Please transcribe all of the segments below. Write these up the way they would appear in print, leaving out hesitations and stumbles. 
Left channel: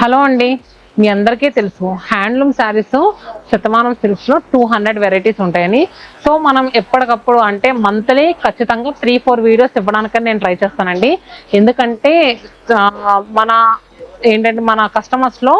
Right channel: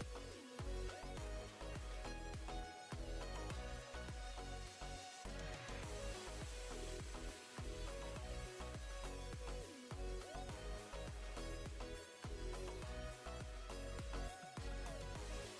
Hello అండి, మీ అందరికీ తెలుసు హ్యాండ్లూమ్ శారీస్ శతమానం సిల్క్స్లో 200 వెరైటీస్ ఉంటాయని. సో మనం ఎప్పటికప్పుడు అంటే మంత్లీ ఖచ్చితంగా 3-4 వీడియోస్ ఇవ్వడానికని నేను ట్రై చేస్తానండి. ఎందుకంటే మన మన కస్టమర్స్లో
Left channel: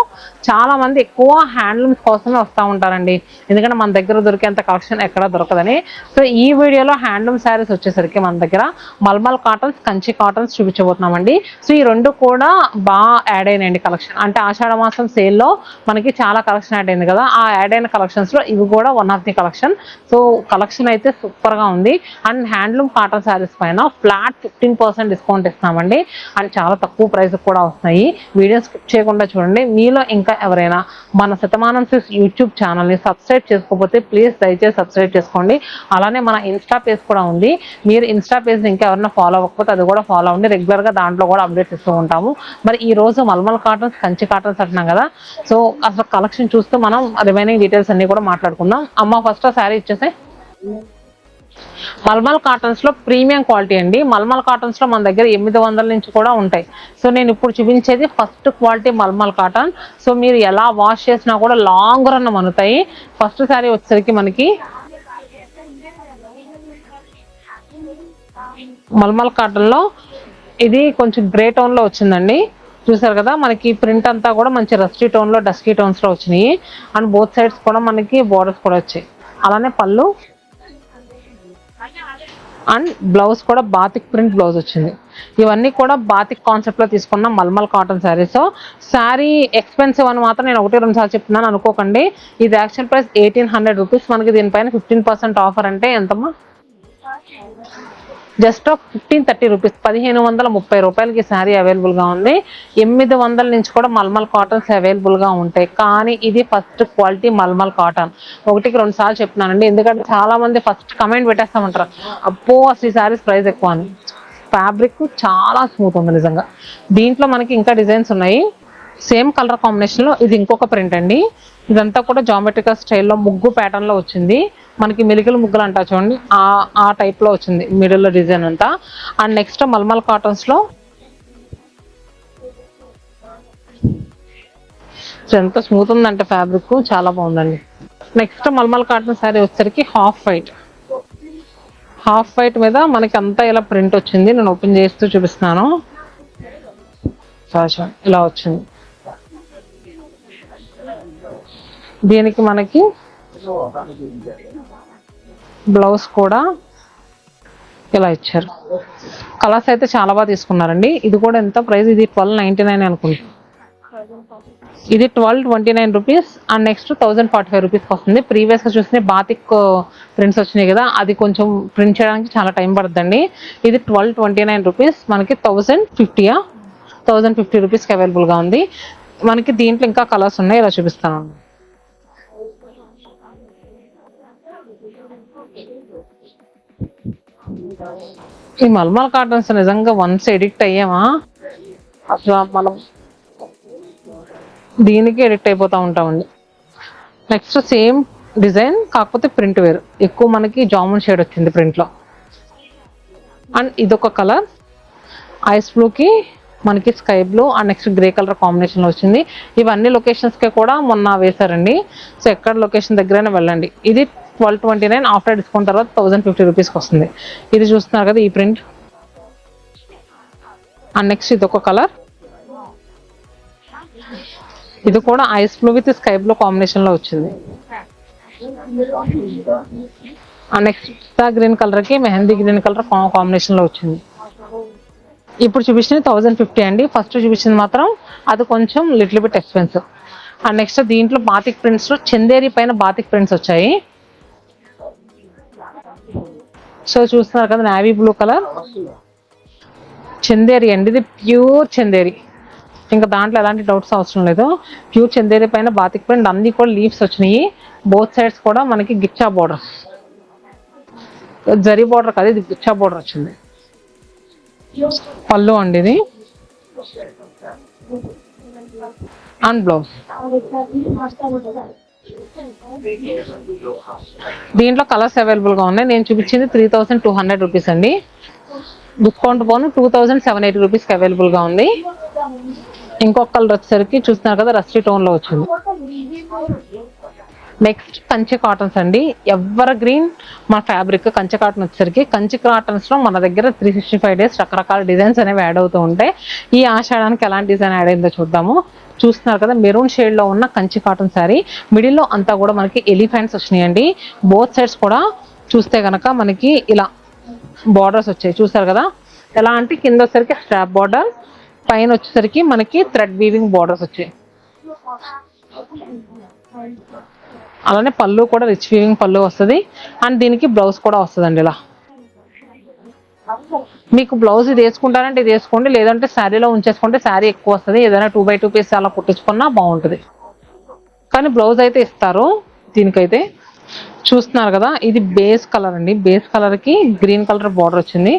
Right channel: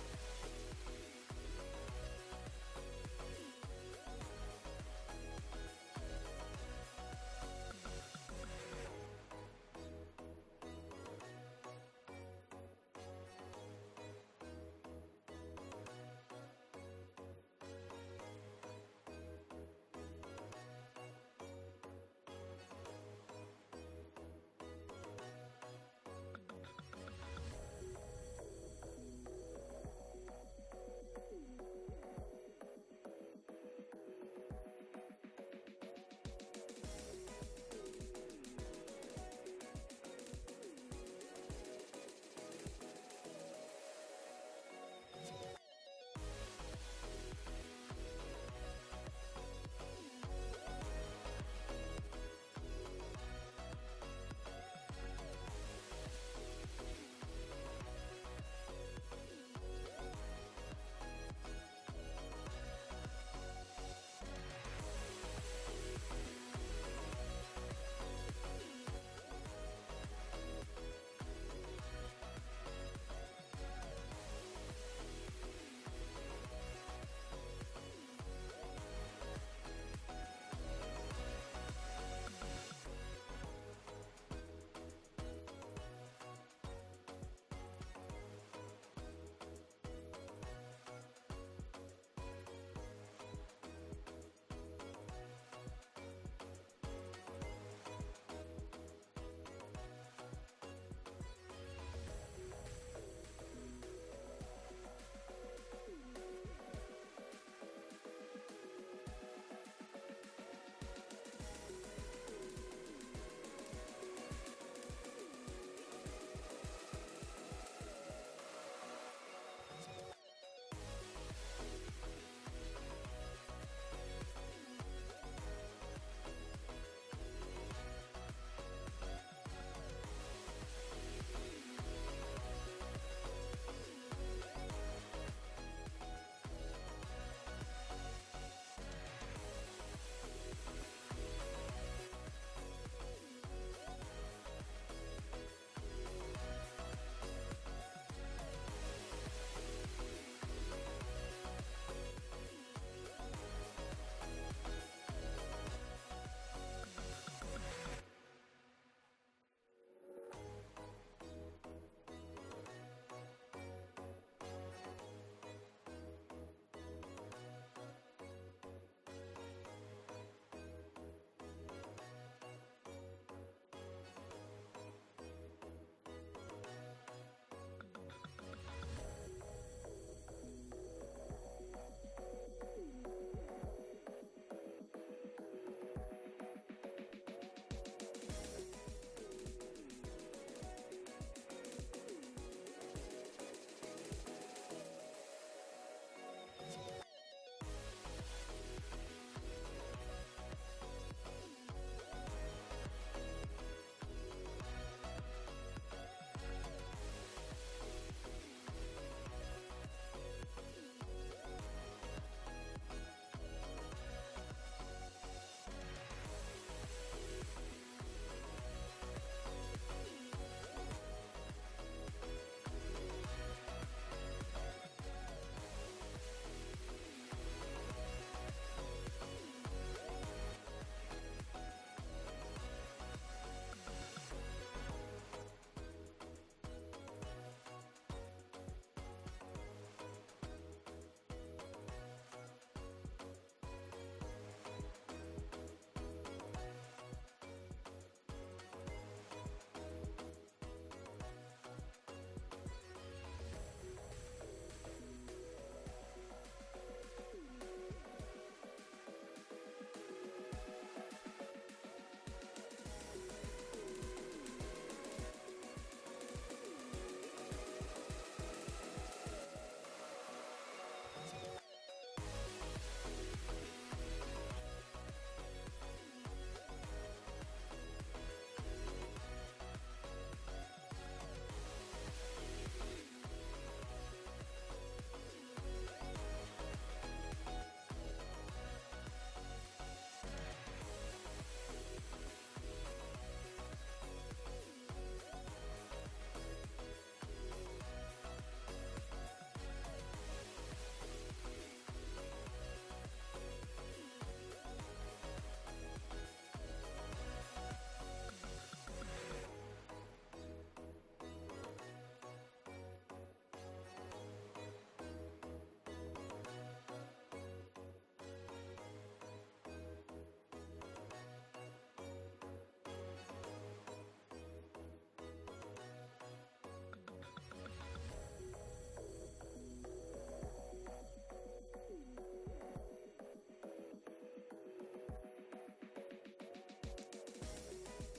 చాలామంది ఎక్కువ హ్యాండ్లూమ్స్ కోసమే వస్తూ ఉంటారండి. ఎందుకంటే మన దగ్గర దొరికేంత కలెక్షన్ ఎక్కడ దొరకదని. సో ఈ వీడియోలో హ్యాండ్లూమ్ శారీస్ వచ్చేసరికి మన దగ్గర మల్మల్ కాటన్స్, కంచి కాటన్స్ చూపించబోతున్నామండి. సో ఈ రెండు కూడా బాగా యాడ్ అయినాయండి కలెక్షన్. అంటే ఆషాఢ మాసం సేల్లో మనకి చాలా కలెక్షన్ యాడ్ అయింది కదా, ఆ యాడ్ అయిన కలెక్షన్స్లో ఇవి కూడా one of the collection. So collection అయితే సూపర్గా ఉంది. అండ్ హ్యాండ్లూమ్ కాటన్ శారీస్ పైన ఫ్లాట్ 15% డిస్కౌంట్ ఇస్తున్నామండి. అండ్ చాలా తక్కువ ప్రైస్ కూడా వస్తున్నాయి. వీడియో స్కిప్ చేయకుండా చూడండి. మీలో ఇంకా ఎవరైనా మన శతమానం సిల్క్స్ యూట్యూబ్ ఛానల్ని సబ్స్క్రైబ్ చేసుకోకపోతే ప్లీజ్ దయచేసి సబ్స్క్రైబ్ చేసుకోండి. అలానే మన ఇన్స్టా పేజ్ కూడా ఉంది. మీరు ఇన్స్టా పేజ్ని ఇంకా ఎవరైనా ఫాలో అవ్వకపోతే అది కూడా ఫాలో అవ్వండి. రెగ్యులర్గా దాంట్లో కూడా అప్డేట్స్ ఇస్తూ ఉంటాము. మరి ఈ రోజు మల్మల్ కాటన్స్, కంచి కాటన్స్ అంటున్నాం కదా, సో అసలు కలెక్షన్ చూస్తూ మనం రిమైనింగ్ డీటెయిల్స్ అన్ని కూడా మాట్లాడుకుందాం. అమ్మ ఫస్ట్ ఆ శారీ ఇచ్చేసే. మల్మల్ కాటన్స్ లో ప్రీమియం క్వాలిటీ అండి. మల్మల్ కాటన్స్ లో మన దగ్గర 800 నుంచి కూడా ఉంటాయి. సో నేను ఇప్పుడు చూపించేది first quality mulmul cotton. So మీరు ఎలా వాష్ చేసినా కూడా లాంగ్ రన్ మనుతాయి. ఫస్ట్ శారీ వచ్చేసరికి మనకి మల్మల్ కాటన్ లో ఇది కొంచెం గ్రే టోన్ లో వచ్చిందండి. చూసారు కదా, మనకి ప్రింట్ అంతా కూడా మంచి రస్టీ టోన్ లో, డస్కీ టోన్స్ లో వచ్చినాయి. అండ్ బోత్ సైడ్స్ కూడా మనకి బోర్డర్స్ కూడా వచ్చాయి. అలానే పళ్ళు అండ్ బ్లౌజ్ కూడా బాతిక్ ప్రింట్ బ్లౌజ్ వచ్చింది. ఇవన్నీ కూడా బాతిక్ కాన్సెప్ట్ లో తీసుకున్న మల్మల్ కాటన్ శారీస్. శారీ ఎక్స్పెన్సివ్ అని మాత్రం నేను 1-2 సార్లు చెప్తున్నాను అనుకోకండి. ఇది యాక్చువల్ ప్రైస్ 1800 రూపీస్. మనకి దీనిపైన 15% ఆఫర్ అంటే ఎంతమ్మా? జస్ట్ 1530 రూపీస్, 1530 రూపాయలకి శారీ అవైలబుల్గా ఉంది. 800 నుంచి కూడా మల్మల్ కాటన్స్ అవైలబుల్గా ఉంటాయి. కానీ ఇది ఫస్ట్ క్వాలిటీ మల్మల్ కాటన్. 1-2 సార్లు చెప్తున్నానండి, ఎందుకంటే చాలా మంది ఫస్ట్ కమెంట్ పెట్టేస్తామంటారు, అప్పో అసలు ఈ శారీస్ ప్రైస్ ఎక్కువ అని. ఫ్యాబ్రిక్ చాలా స్మూత్ ఉంది నిజంగా. దీంట్లో మనకి ఇంకా డిజైన్స్ ఉన్నాయి. సేమ్ కలర్ కాంబినేషన్లో ఇది ఇంకొక ప్రింట్ అండి. ఇదంతా కూడా జామెట్రికల్ స్టైల్లో ముగ్గు ప్యాటర్న్లో వచ్చింది. మనకి మిలికలు ముగ్గులు అంటా చూడండి, ఆ టైప్లో వచ్చింది మిడిల్లో డిజైన్ అంతా. అండ్ నెక్స్ట్ మల్మల్ కాటన్స్లో ఎంత స్మూత్ ఉందంటే ఫ్యాబ్రిక్ చాలా బాగుందండి. నెక్స్ట్ మల్మల్ కాటన్ శారీ వచ్చేసరికి హాఫ్ వైట్ మీద మనకి అంతా ఇలా ప్రింట్ వచ్చింది. నేను ఓపెన్ చేస్తూ చూపిస్తున్నాను. ఇలా వచ్చింది. దీనికి మనకి బ్లౌజ్ కూడా ఇలా ఇచ్చారు. కలర్స్ అయితే చాలా బాగా తీసుకున్నారండి. ఇది కూడా ఎంత ప్రైస్? ఇది 1299 అనుకుంటా. ఇది 1229 రూపీస్. అండ్ నెక్స్ట్ 1045 రూపీస్కి వస్తుంది. ప్రీవియస్గా చూసిన బాతిక్ ప్రింట్స్ వచ్చినాయి కదా, అది కొంచెం ప్రింట్ చేయడానికి చాలా టైం పడుతుందండి. ఇది 1229 రూపీస్. మనకి 1050 రూపీస్కి అవైలబుల్గా ఉంది. మనకి దీంట్లో ఇంకా కలర్స్ ఉన్నాయి, ఇలా చూపిస్తాను. ఈ మల్మల్ కాటన్స్ నిజంగా వన్స్ ఎడిక్ట్ అయ్యామా అసలు మనం దీనికి ఎడిక్ట్ అయిపోతూ ఉంటామండి. నెక్స్ట్ సేమ్ డిజైన్ కాకపోతే ప్రింట్ వేరు, ఎక్కువ మనకి జామున్ షేడ్ వచ్చింది ప్రింట్లో. అండ్ ఇదొక కలర్ ఐస్ బ్లూకి మనకి sky blue and next grey colour కాంబినేషన్లో వచ్చింది. ఇవన్నీ లొకేషన్స్కి కూడా మొన్న వేశారండి. సో ఎక్కడ లొకేషన్ దగ్గరైనా వెళ్ళండి. ఇది 1229. ఆఫ్టర్ డిస్కౌంట్ తర్వాత 1050 రూపీస్కి వస్తుంది. ఇది చూస్తున్నారు కదా, ఈ ప్రింట్. అండ్ నెక్స్ట్ ఇది ఒక కలర్, ఇది కూడా ice blue with sky blue కాంబినేషన్లో వచ్చింది. అండ్ నెక్స్ట్ గ్రీన్ కలర్కి మెహందీ గ్రీన్ కలర్ కాంబినేషన్లో వచ్చింది. ఇప్పుడు చూపించింది 1050 అండి. ఫస్ట్ చూపించింది మాత్రం అది కొంచెం little bit expensive. And next దీంట్లో బాతిక్ ప్రింట్స్లో చందేరి పైన బాతిక్ ప్రింట్స్ వచ్చాయి. సో చూస్తున్నారు కదా, నావీ బ్లూ కలర్ చందేరి అండి. ఇది ప్యూర్ చందేరి, ఇంకా దాంట్లో ఎలాంటి డౌట్స్ అవసరం లేదు. ప్యూర్ చందేరి పైన బాతిక్ ప్రింట్, అన్ని కూడా లీవ్స్ వచ్చినాయి. బోత్ సైడ్స్ కూడా మనకి గిచ్చా బోర్డర్, జరీ బోర్డర్ కాదు, ఇది గిచ్చా బోర్డర్ వచ్చింది. పళ్ళు అండి ఇది. And blouse. దీంట్లో కలర్స్ అవైలబుల్గా ఉన్నాయి. నేను చూపించింది 3200 రూపీస్ అండి. డిస్కౌంట్ పోను 2780 రూపీస్కి అవైలబుల్గా ఉంది. ఇంకొక కలర్ వచ్చేసరికి చూస్తున్నారు కదా రస్టీ టోన్ లో వచ్చింది. నెక్స్ట్ కంచి కాటన్స్ అండి, ఎవర్ గ్రీన్ మన ఫ్యాబ్రిక్. కంచి కాటన్ వచ్చేసరికి కంచి కాటన్స్ లో మన దగ్గర 365 డేస్ రకరకాల డిజైన్స్ అనేవి యాడ్ అవుతూ ఉంటాయి. ఈ ఆషాఢానికి ఎలాంటి డిజైన్ యాడ్ అయిందో చూద్దాము. చూస్తున్నారు కదా మెరూన్ షేడ్ లో ఉన్న కంచి కాటన్ శారీ, మిడిల్ లో అంతా కూడా మనకి ఎలిఫెంట్స్ వచ్చినాయండి. బోత్ సైడ్స్ కూడా చూస్తే కనుక మనకి ఇలా బార్డర్స్ వచ్చాయి. చూసారు కదా ఎలా అంటే కింద వచ్చేసరికి స్ట్రాప్ బార్డర్, పైన వచ్చేసరికి మనకి థ్రెడ్ వీవింగ్ బార్డర్స్ వచ్చాయి. అలానే పళ్ళు కూడా రిచ్ వీవింగ్ పళ్ళు వస్తుంది. అండ్ దీనికి బ్లౌజ్ కూడా వస్తుందండి. ఇలా మీకు బ్లౌజ్ ఇది వేసుకుంటారంటే ఇది వేసుకోండి, లేదంటే శారీలో ఉంచేసుకుంటే శారీ ఎక్కువ వస్తుంది. ఏదైనా 2x2 పీస్ అలా కుట్టించుకున్నా బాగుంటుంది. కానీ బ్లౌజ్ అయితే ఇస్తారు దీనికైతే. చూస్తున్నారు కదా ఇది బేస్ కలర్ అండి, బేస్ కలర్ కి గ్రీన్ కలర్ బార్డర్ వచ్చింది.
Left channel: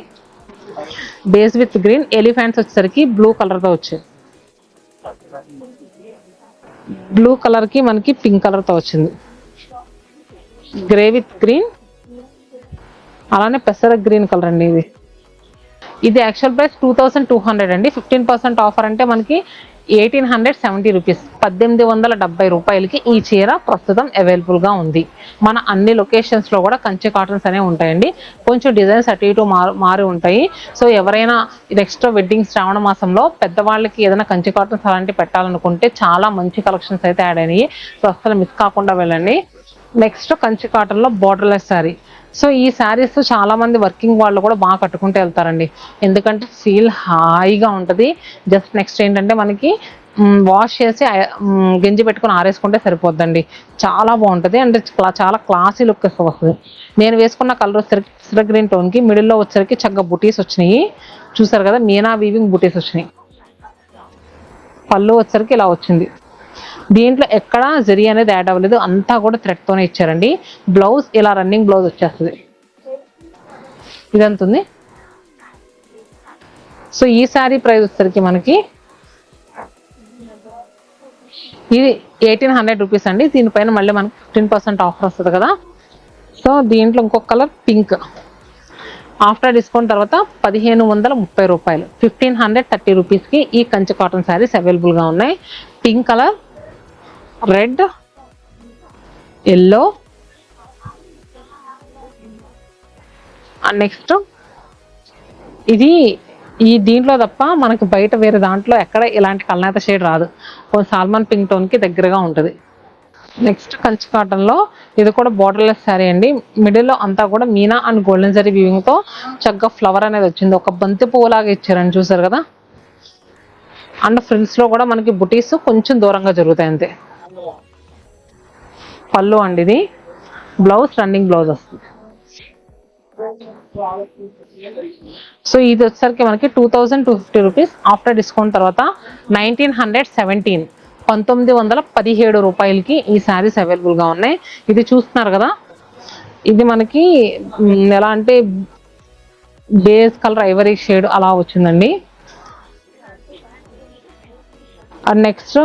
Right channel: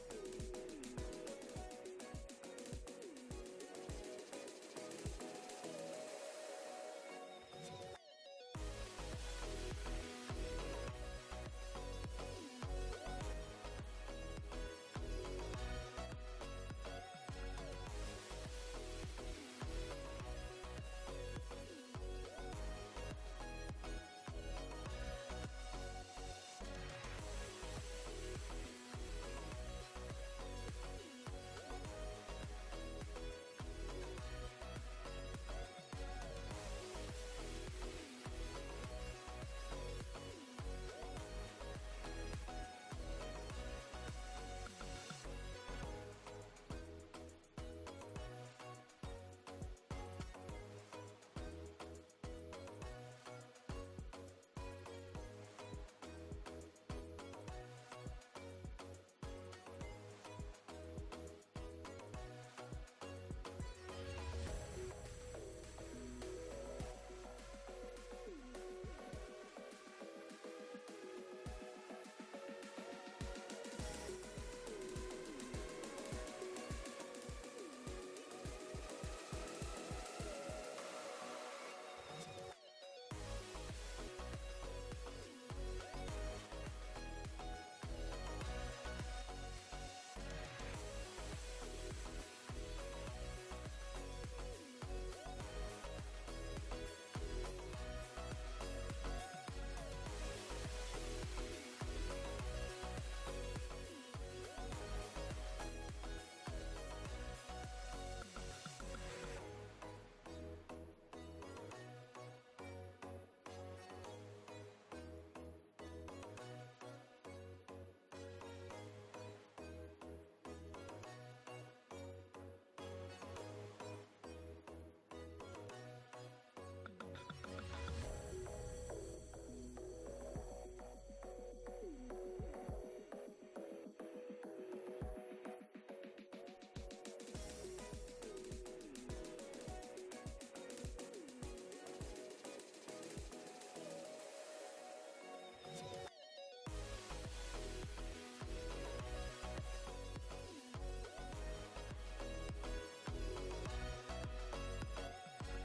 బేస్ విత్ గ్రీన్, ఎలిఫెంట్స్ వచ్చేసరికి బ్లూ కలర్ తో వచ్చాయి. బ్లూ కలర్ కి మనకి పింక్ కలర్ తో వచ్చింది. గ్రే విత్ గ్రీన్, అలానే పెసర గ్రీన్ కలర్ అండి. ఇది యాక్చువల్ ప్రైస్ 2200 అండి. 15% ఆఫర్ అంటే మనకి 1870 రూపీస్, 1870 రూపాయలకి ఈ చీర ప్రస్తుతం అవైలబుల్ గా ఉంది. మన అన్ని లొకేషన్స్ లో కూడా కంచి కాటన్స్ అనేవి ఉంటాయండి. కొంచెం డిజైన్స్ అటు ఇటు మారి ఉంటాయి. సో ఎవరైనా నెక్స్ట్ వెడ్డింగ్ శ్రావణ మాసంలో పెద్దవాళ్ళకి ఏదైనా కంచి కాటన్స్ అలాంటివి పెట్టాలనుకుంటే చాలా మంచి కలెక్షన్స్ అయితే యాడ్ అయినాయి. సో అసలు మిస్ కాకుండా వెళ్ళండి. నెక్స్ట్ కంచి కాటన్ లో బోర్డర్లెస్ శారీ. సో ఈ శారీస్ చాలా మంది వర్కింగ్ వాళ్ళు కూడా బాగా కట్టుకుంటూ వెళ్తారండి, ఎందుకంటే ఫీల్ హాయిగా ఉంటుంది. జస్ట్ నెక్స్ట్ ఏంటంటే మనకి వాష్ చేసి గంజి పెట్టుకుని ఆరేసుకుంటే సరిపోద్దండి. చాలా బాగుంటుంది అంటే చాలా క్లాసీ లుక్ వస్తుంది. నేను వేసుకున్న కలర్ వచ్చేసరికి గ్రీన్ టోన్ కి మిడిల్లో వచ్చేసరికి చక్కగా బుటీస్ వచ్చినాయి. చూసారు కదా మీనా వీవింగ్ బుటీస్ వచ్చినాయి. పళ్ళు వచ్చేసరికి ఇలా వచ్చింది. దీంట్లో ఎక్కడ జరీ అనేది యాడ్ అవ్వలేదు, అంతా కూడా థ్రెడ్ తోనే ఇచ్చారండి. బ్లౌజ్ ఇలా రన్నింగ్ బ్లౌజ్ వచ్చేస్తుంది. ఇదంతుంది. సో ఈ శారీ ప్రైస్ వచ్చేసరికి మనకి ఇది 1800 రూపీస్ అండి. దీనిపైన మళ్ళీ మనకి 15% ఆఫర్ వస్తుంది కదా. సో దీంట్లో ఇంకొక కలర్ పింక్, ఆఫ్టర్ డిస్కౌంట్ తర్వాత 1530 రూపాయలు, 1530 రూపీస్కి ఈ కంచి కాటన్ శారీస్ అవైలబుల్గా ఉన్నాయి. Pink colour, red, yellow and next ఇది ఈ దీంట్లో తప్ప మనకి బయట వేరే దాంట్లో ఎక్కడ ఇలాంటి కల్నేత షేడ్ రాదు. సాల్మన్ పింక్ టోన్ కి దగ్గరగా ఉంటుంది. నెక్స్ట్ కంచి కాటన్ లో ఇది కూడా బోర్డర్లెస్ శారీ అండి. మిడిల్ లో అంతా కూడా Meena and golden zari weaving తో చక్కగా ఫ్లవర్ అనేది వచ్చింది. ఒక బంతి పువ్వులాగా ఇచ్చారని చూసారు కదా. అండ్ ఫ్రిల్స్ లో కూడా మనకి బుటీస్ కొంచెం దూరంగా జరుగుతాయి అంతే. పళ్ళు అండి ఇది. బ్లౌజ్ రన్నింగ్ బ్లౌజ్ వస్తుంది. సో ఇది వచ్చేసరికి మనకి 2250 రూపీస్, ఆఫ్టర్ డిస్కౌంట్ తర్వాత 1917 1917 రూపాయలకి ఈ శారీస్ అవైలబుల్ గా ఉన్నాయి. ఇది చూస్తున్నారు కదా, ఇది మనకి ఎలా అంటే బేస్ కలర్ ఐవరీ షేడ్ అలా వచ్చిందండి. అండ్ నెక్స్ట్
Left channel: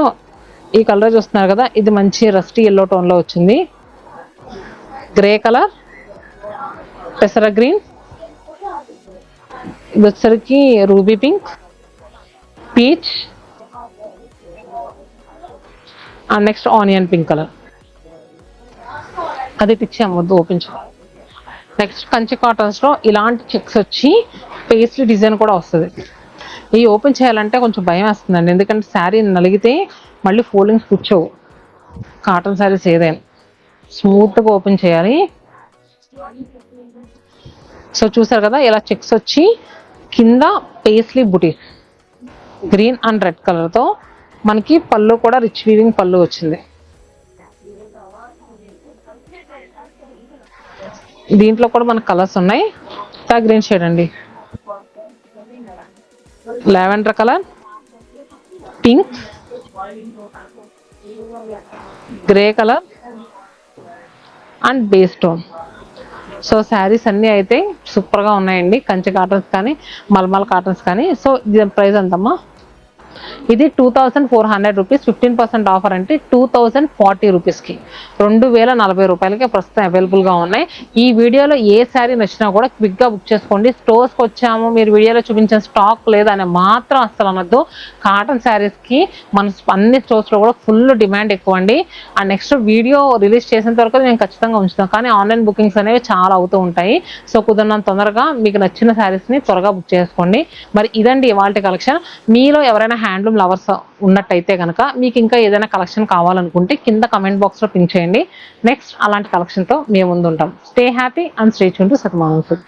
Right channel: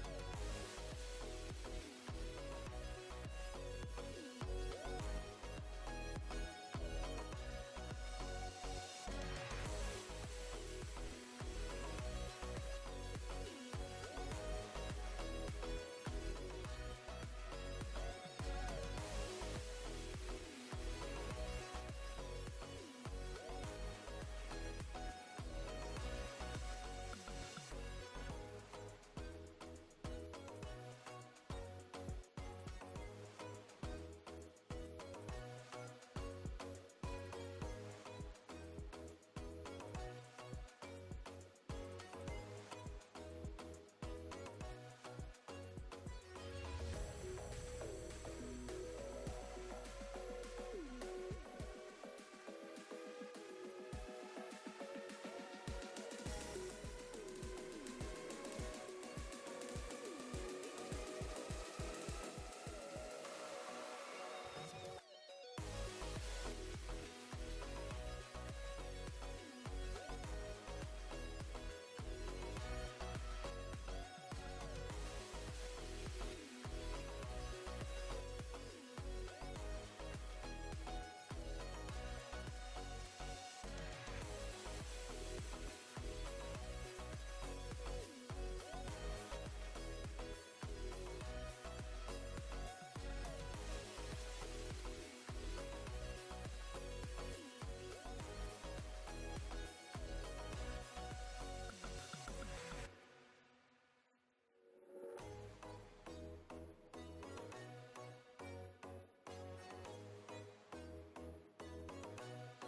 ఈ కలర్ చూస్తున్నారు కదా, ఇది మంచి రస్టీ ఎల్లో టోన్ లో వచ్చింది. గ్రే కలర్, పెసర గ్రీన్, ఇది వచ్చేసరికి ruby pink, peach and next onion pink colour. అది పిచ్చాము వద్దు ఓపెన్ చే. నెక్స్ట్ కంచి కాటన్స్ లో ఇలాంటి చెక్స్ వచ్చి పేస్ట్లీ డిజైన్ కూడా వస్తుంది. ఈ ఓపెన్ చేయాలంటే కొంచెం భయం వేస్తుందండి, ఎందుకంటే శారీ నలిగితే మళ్ళీ ఫోల్డింగ్స్ కూర్చోవు. కాటన్ శారీస్ ఏదైనా స్మూత్గా ఓపెన్ చేయాలి. సో చూసారు కదా ఇలా చెక్స్ వచ్చి కింద paisley buttis green and red colour తో మనకి పళ్ళు కూడా రిచ్ వీవింగ్ పళ్ళు వచ్చింది. దీంట్లో కూడా మనకు కలర్స్ ఉన్నాయి. గ్రీన్ షేడ్ అండి, lavender colour, pink, grey colour and base tone. So saris అన్నీ అయితే సూపర్గా ఉన్నాయండి, కంచి కాటన్స్ కానీ మల్మల్ కాటన్స్ కానీ. సో దీని ప్రైస్ ఎంతమ్మా? ఇది 2400 రూపీస్, 15% ఆఫర్ అంటే 2040 రూపీస్కి, 2040 రూపాయలకి ప్రస్తుతం అవైలబుల్గా ఉన్నాయి. ఈ వీడియోలో ఏ శారీ నచ్చినా కూడా క్విక్గా బుక్ చేసుకోండి. స్టోర్స్కి వచ్చాము, మీరు వీడియోలో చూపించిన స్టాక్ లేదని మాత్రం అస్సలు అనొద్దు. కాటన్ శారీస్కి మన అన్ని స్టోర్స్లో కూడా ఫుల్ డిమాండ్ ఎక్కువ అండి. అండ్ నెక్స్ట్ వీడియో రిలీజ్ చేసేంత వరకు నేను ఖచ్చితంగా ఉంచుతాను, కానీ ఆన్లైన్ బుకింగ్స్ అనేవి చాలా అవుతూ ఉంటాయి. సో కుదిరినంత తొందరగా మీకు నచ్చిన శారీస్ని త్వరగా బుక్ చేసుకోండి. మరి ఇదండి ఇవాల్టి కలెక్షన్. మీలో ఎవరైనా హ్యాండ్లూమ్ లవర్స్ ఉన్నట్టయితే కనుక మీకు ఇంకా ఏదైనా కలెక్షన్ కావాలనుకుంటే కింద కమెంట్ బాక్స్లో పింక్ చేయండి. నెక్స్ట్ అలాంటి కలెక్షన్తో మేము ముందు ఉంటాం. Stay happy and stay tune to Satamanam food.